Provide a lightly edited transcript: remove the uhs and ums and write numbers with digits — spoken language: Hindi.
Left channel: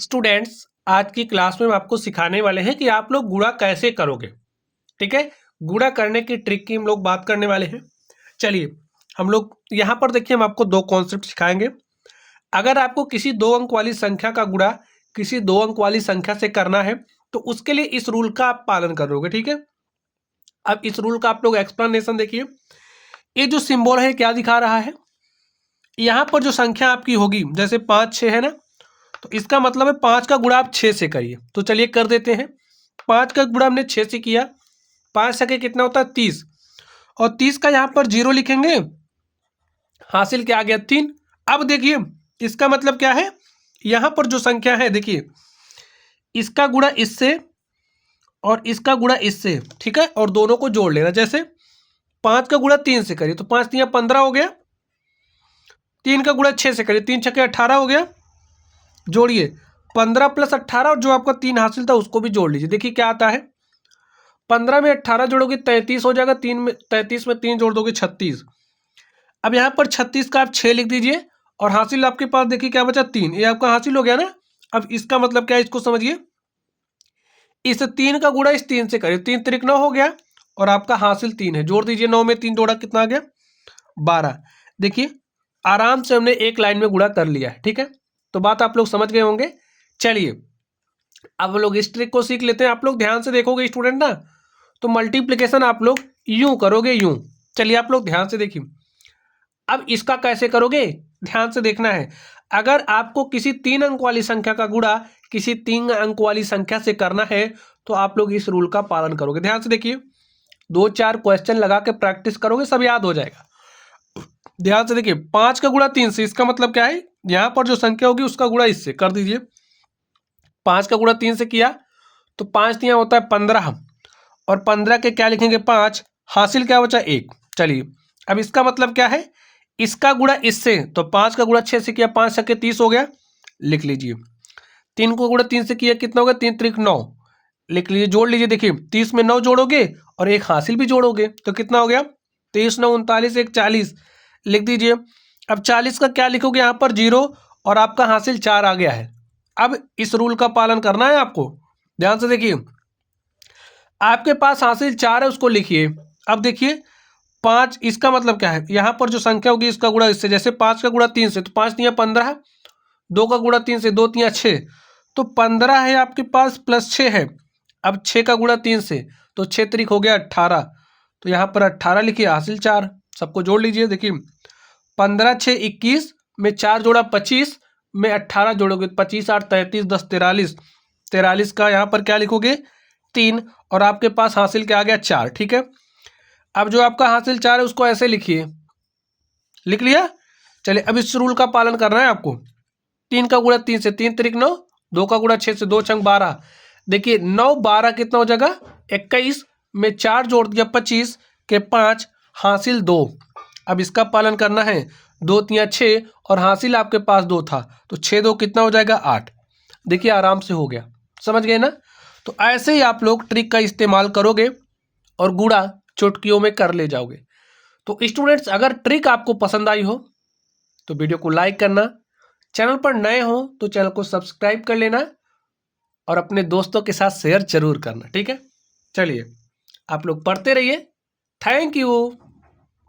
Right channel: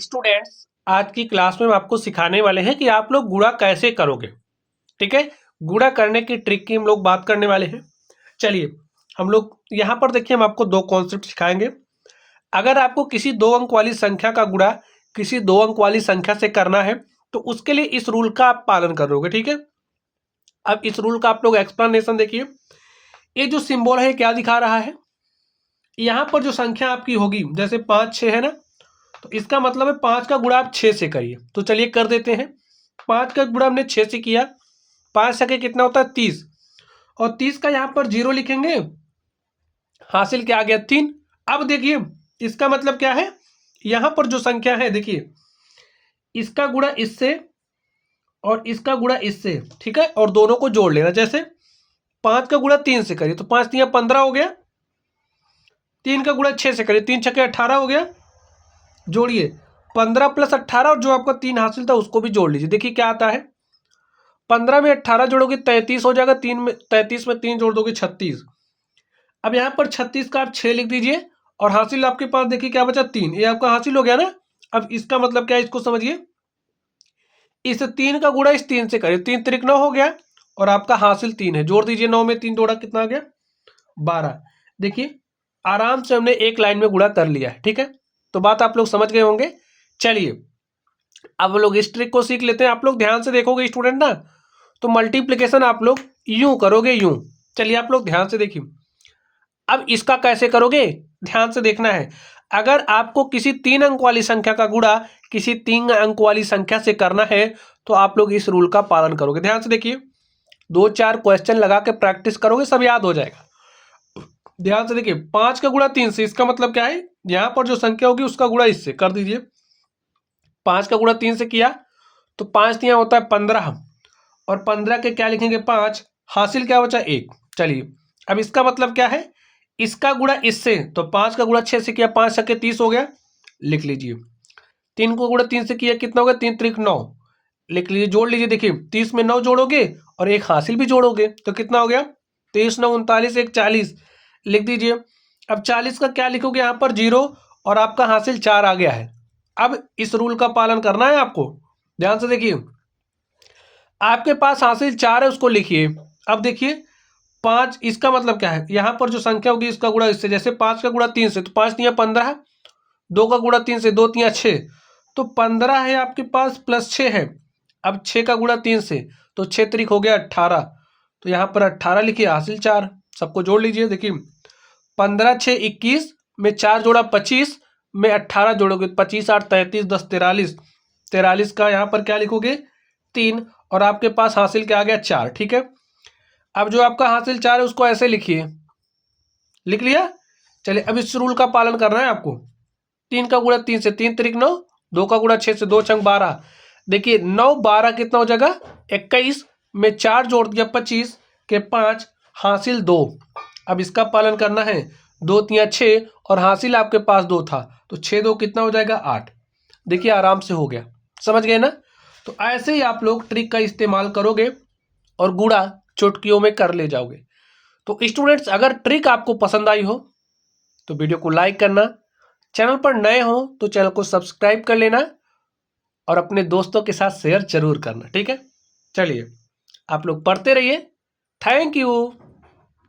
स्टूडेंट्स, आज की क्लास में हम आपको सिखाने वाले हैं कि आप लोग गुणा कैसे करोगे। ठीक है, गुणा करने की ट्रिक की हम लोग बात करने वाले हैं। चलिए हम लोग यहाँ पर देखिए, हम आपको दो कॉन्सेप्ट सिखाएंगे। अगर आपको किसी 2 अंक वाली संख्या का गुणा किसी 2 अंक वाली संख्या से करना है तो उसके लिए इस रूल का आप पालन करोगे। ठीक है, अब इस रूल का आप लोग एक्सप्लेनेशन देखिए। ये जो सिंबल है क्या दिखा रहा है, यहाँ पर जो संख्या आपकी होगी, जैसे 5 6 है ना, तो इसका मतलब है 5 का गुणा आप 6 से करिए। तो चलिए कर देते हैं। 5 का गुणा हमने 6 से किया, 5 सके कितना होता है 30, और 30 का यहाँ पर 0 लिखेंगे, हासिल क्या आ गया 3। अब देखिए इसका मतलब क्या है, यहाँ पर जो संख्या है देखिए, इसका गुणा इससे और इसका गुणा इससे, ठीक है, और दोनों को जोड़ लेना। जैसे 5 का गुणा 3 से करिए तो 5 3 15 हो गया, 3 का गुणा 6 से करिए 3 छके 18 हो गया, जोड़िए 15 + 18 और जो आपका 3 हासिल था उसको भी जोड़ लीजिए। देखिए क्या आता है, 15 में 18 जोड़ोगे 33 हो जाएगा, 3 में 33 में 3 जोड़ दोगे 36। अब यहाँ पर 36 का आप 6 लिख दीजिए और हासिल आपके पास देखिए क्या बचा 3, ये आपका हासिल हो गया ना। अब इसका मतलब क्या है, इसको समझिए। इस 3 का गुणा इस 3 से करिए, 3 त्रिक 9 हो गया और आपका हासिल 3 है, जोड़ दीजिए। 9 में 3 जोड़ा कितना आ गया 12। देखिए आराम से हमने एक लाइन में गुणा कर लिया। ठीक है, तो बात आप लोग समझ गए होंगे। चलिए अब लोग इस ट्रिक को सीख लेते हैं। आप लोग ध्यान से देखोगे स्टूडेंट ना, तो मल्टीप्लिकेशन आप लोग यूं करोगे, यूं। चलिए आप लोग ध्यान से देखिए। अब इसका कैसे करोगे, ध्यान से देखना है। अगर आपको किसी 3 अंक वाली संख्या का गुणा किसी 3 अंक वाली संख्या से करना है तो आप लोग इस रूल का पालन करोगे। ध्यान से देखिए, 2-4 क्वेश्चन लगा के प्रैक्टिस करोगे, सब याद हो जाएगा। ध्यान से देखिए, 5 का गुणा 3 से, इसका मतलब क्या है, यहाँ पर जो संख्या होगी उसका गुणा इससे कर दीजिए। 5 का गुणा 3 से किया तो 5 3 होता है 15, और 15 के क्या लिखेंगे 5, हासिल क्या बचा 1। चलिए अब इसका मतलब क्या है, इसका गुणा इससे, तो 5 का गुणा 6 से किया, 5 सके 30 हो गया, लिख लीजिए। 3 को गुणा 3 से किया, कितना हो गया 3 त्रिक 9, लिख लीजिए, जोड़ लीजिए। देखिए 30 में 9 जोड़ोगे और एक हासिल भी जोड़ोगे तो कितना हो गया 23 9 39, 1 40, लिख दीजिए। अब 40 का क्या लिखोगे, यहाँ पर 0 और आपका हासिल 4 आ गया है। अब इस रूल का पालन करना है आपको। ध्यान से देखिए, आपके पास हासिल 4 है उसको लिखिए। अब देखिए 5, इसका मतलब क्या है, यहाँ पर जो संख्या होगी इसका गुणा इससे। जैसे 5 का गुणा 3 से, तो 5 3 15, 2 का गुणा 3 से, 2 3 6, तो 15 है आपके पास प्लस 6 है। अब 6 का गुणा 3 से, तो 6 त्रिक हो गया 18, तो यहाँ पर 18 लिखिए, हासिल 4, सबको जोड़ लीजिए। देखिए 15 6 21 में 4 जोड़ा 25 में 18 जोड़ोगे 25 8 33 10 43, 43 का यहाँ पर क्या लिखोगे 3, और आपके पास हासिल क्या आ गया 4। ठीक है, अब जो आपका हासिल 4 है उसको ऐसे लिखिए, लिख लिया। चलिए अब इस रूल का पालन करना है आपको। 3 का गुणा 3 से, 3 त्रिक 9, 2 का गुणा 6 से, 2 छंग 12। देखिए 9 12 कितना हो जाएगा 21 में 4 जोड़ दिया 25 के 5, हासिल 2। अब इसका पालन करना है, 2 3 6 और हासिल आपके पास 2 था, तो 6 2 कितना हो जाएगा 8। देखिए आराम से हो गया, समझ गए ना। तो ऐसे ही आप लोग ट्रिक का इस्तेमाल करोगे और गुणा चुटकियों में कर ले जाओगे। तो स्टूडेंट्स, अगर ट्रिक आपको पसंद आई हो तो वीडियो को लाइक करना, चैनल पर नए हो तो चैनल को सब्सक्राइब कर लेना और अपने दोस्तों के साथ शेयर जरूर करना। ठीक है, चलिए आप लोग पढ़ते रहिए। Thank you.